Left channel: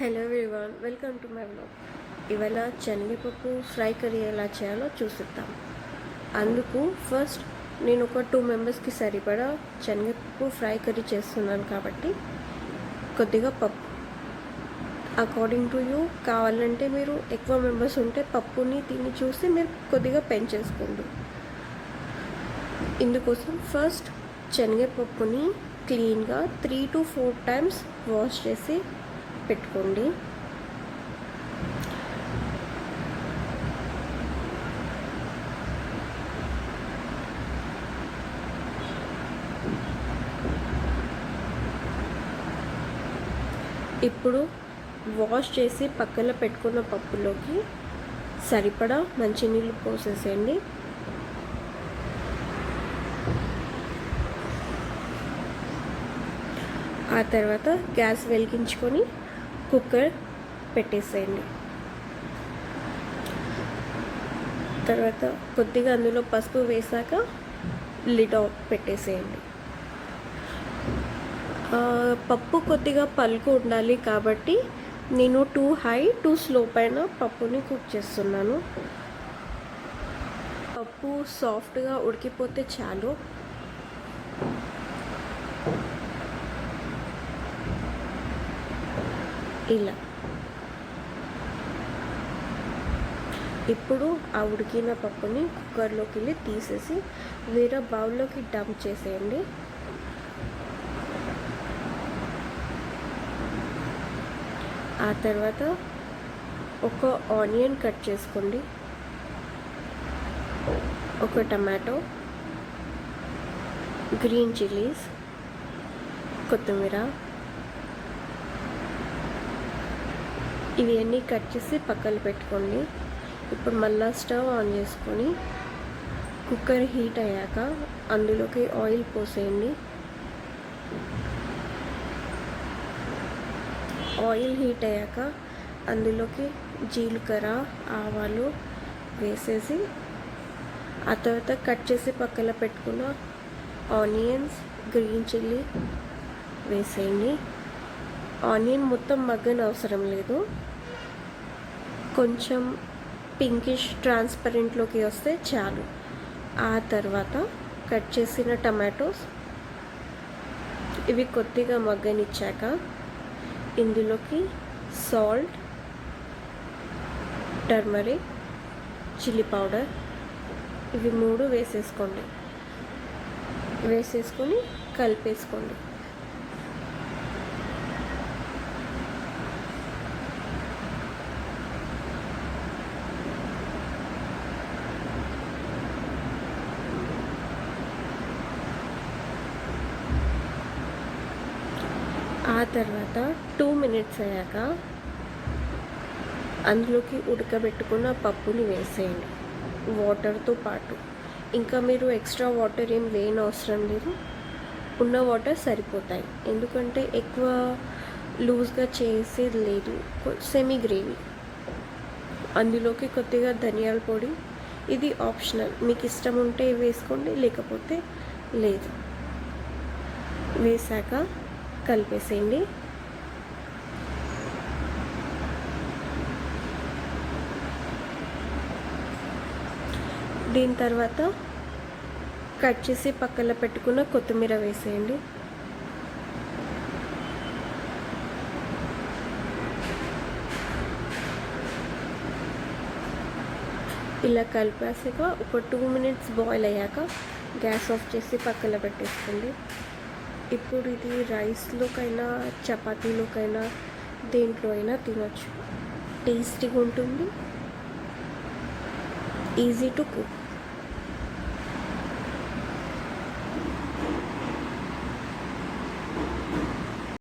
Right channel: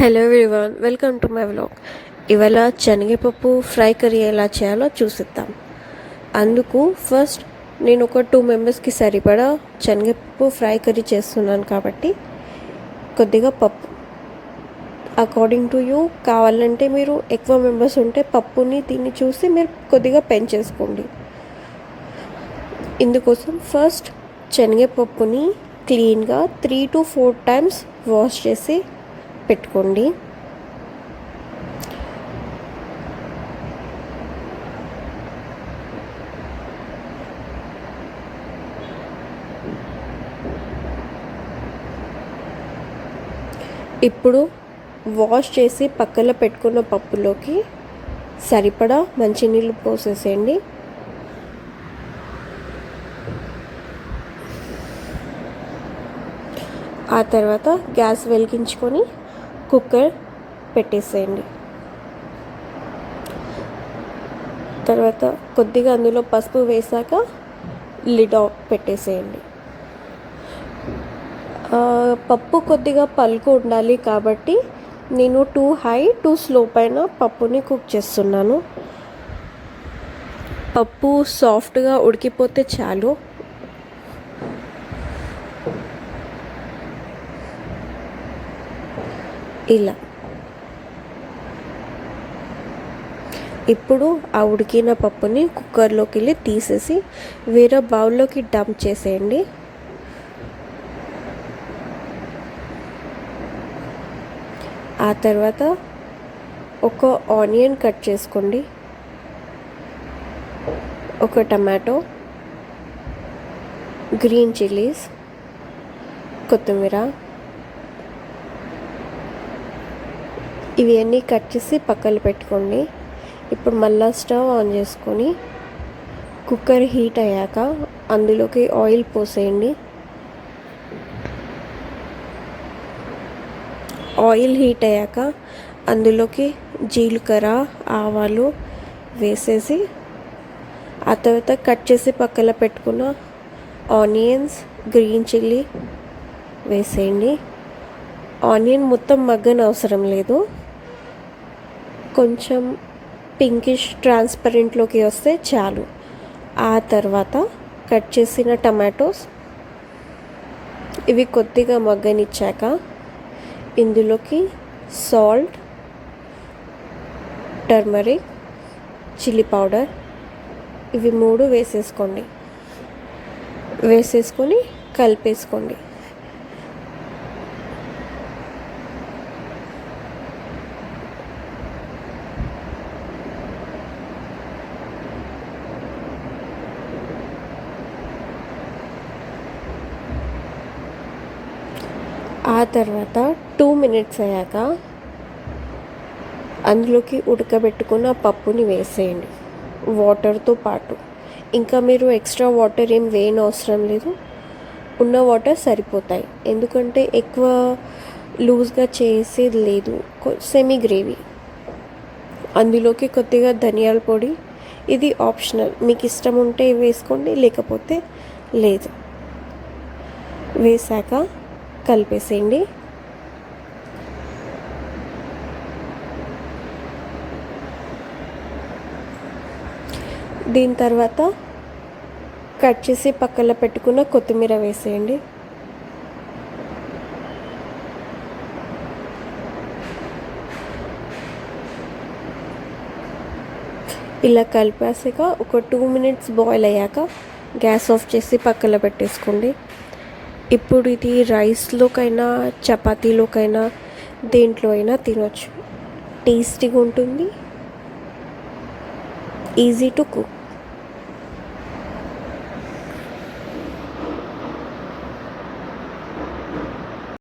Hello everyone, welcome to my vlog. ఇవాళ శనగపప్పు fry curry ఎలా చేయాలో చూసిద్దాం. అందుకు ఫస్ట్ నేను ఒక 2 మెంబర్స్కి సరిపడా శనగపప్పు ఫ్రై కర్రీ చేస్తున్నాను కాబట్టి కొద్దిగా పప్పు అకార్డింగ్ టు యూ. కావాలంటే మీరు ఎక్కువ మెంబర్స్ ఉంటే పప్పుని తిని చూసి మీరు కొద్దిగా పెంచేసుకోండి. ఇందుకోసం ఫస్ట్ శనగపప్పుని క్లీన్గా 3 to 4 టైమ్స్ వాష్ చేసి పెట్టుకోండి. ఇప్పుడు వాష్ చేసి పక్కన పెట్టుకున్న పప్పులోకి సరిపడా మంచినీళ్ళు పోసేసేయండి. ఆ తర్వాత గ్యాస్ వెలిగించుకొని కుక్కర్ పెట్టేసేయండి. తర్వాత కొద్దిగా అందులో పసుపు వేసాక లిడ్ ఆఫ్ పెట్టేసేయండి. పప్పు కొద్దిగా పలుకు ఉండాలి కాబట్టి నేను 2 హై 2 స్లో పైన పప్పుని కుక్ చేస్తున్నాను. పప్పు సాఫ్ట్గా ఉడికిపోతే చాలు. ఇలా ఇప్పుడు ఆ ఉడికిన పప్పుని కుక్కర్లోకి వెళ్ళి తీసేసి వేరే బౌల్లోకి డంప్ చేసేయండి. ఆ తర్వాత ఒక ఆనియన్ కట్ చేసుకోండి, ఒక టమాటో, గ్రీన్ చిల్లీస్, కొత్తిమీర, ఇవి అన్నీ కట్ చేసి పక్కన పెట్టుకోండి. ఇప్పుడు మళ్ళీ స్టవ్ ఆన్ చేసుకొని కుక్కర్ హీట్ అయ్యాక అందులోకి ఆయిల్ పోసేయండి. ఆయిల్ హీట్ అయ్యాక అందులోకి జీలకర్ర, ఆవాలు వేసేసి ఆ తర్వాత కట్ చేసి పక్కన పెట్టుకున్న ఆనియన్స్, గ్రీన్ చిల్లీ వేసేయండి. ఆనియన్ మొత్తం మగ్గన అవసరం లేదు, కొంచెం పింకిష్ ట్రాన్స్పరెంట్లోకి వస్తే చాలు. ఆ తర్వాత కట్ చేసిన టమాటోస్ ఇవి కొద్దిగా మగ్గనిచ్చాక ఇందులోకి సాల్ట్, టర్మరిక్, చిల్లీ పౌడర్ ఇవి 3 వేసేసుకొని కలిపేసుకోండి. ఆ తర్వాత 2 మినిట్స్ అయ్యాక అందులోకి ఉడకబెట్టుకున్న పప్పుని వేసేయండి వాటర్తో పాటు. ఇంకా మీరు ఎక్స్ట్రా వాటర్ ఏం వేయని అవసరం లేదు, ఉన్న వాటర్ సరిపోతాయి. ఎందుకంటే ఎక్కువ లూజ్గా చేసేది లేదు, సెమీ గ్రేవీ. అందులోకి కొద్దిగా ధనియాల పొడి, ఇది ఆప్షనల్, మీకు ఇష్టం ఉంటే వేసుకోండి, లేకపోతే లేదు. వేసాక కలిపేసేయండి. దీని తర్వాత కట్ చేసి పక్కన పెట్టుకున్న కొత్తిమీర వేసేయండి. ఇలా కలిపేసాక ఒక 2 మినిట్స్ బాయిల్ అయ్యాక గ్యాస్ ఆఫ్ చేసి పక్కన పెట్టేసుకోండి. ఇప్పుడు ఇది రైస్లోకైనా చపాతీలోకైనా దేంట్లో అయినా తినొచ్చు. టేస్టీగా ఉంటుంది, ఈజీ టు కుక్.